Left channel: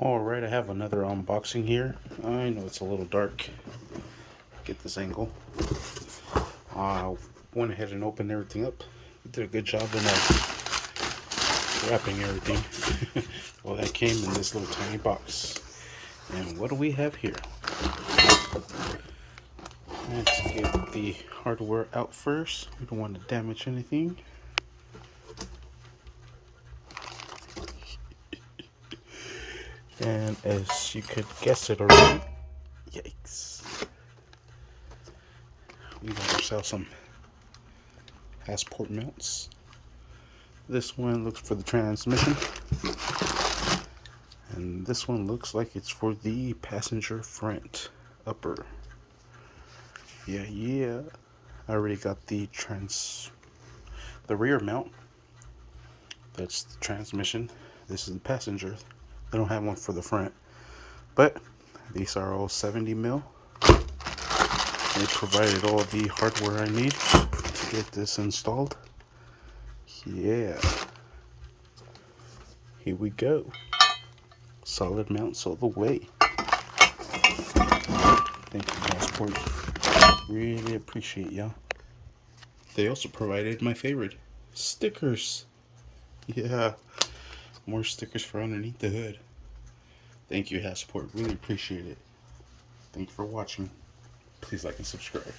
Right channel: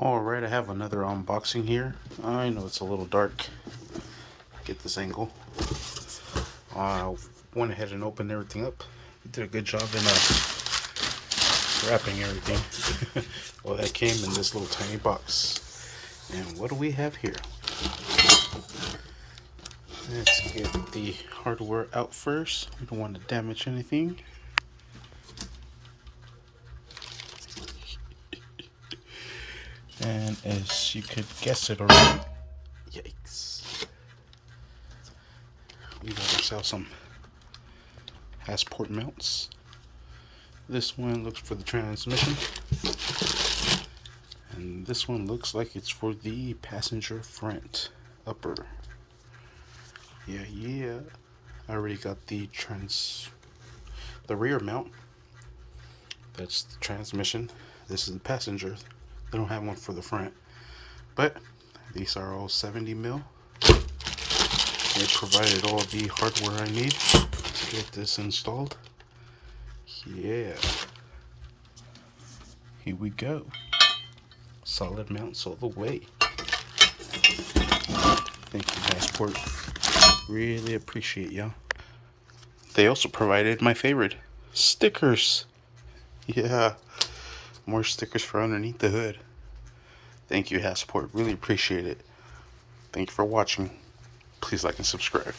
Alright, I have another unboxing here. I know it's a little dark. Get this angle. I went ahead and opened everything up. You did a good job in wrapping everything. Well, that came in this little tiny box. And what do we have here? Let's get the hardware out first. We don't want to damage anything. And as you could guess it already, yikes, we gotta sell some Hasport mounts. This one looks for the transmission, and this one looks like it's for the passenger front upper. Yeah. I already got the rear mount. That's the transmission. This is the passenger. They don't have one for the front, but these are all 70 mil. They provided all the hardware I need to get this installed. Yeah, here we go. Solid mounts all the way. Thank you, Hasport. Really appreciate y'all. They also provided my favorite, stickers. Yeah, more stickers for underneath the hood. Thank you, Hasport. Really appreciate it. Thank you for watching. Please like and subscribe.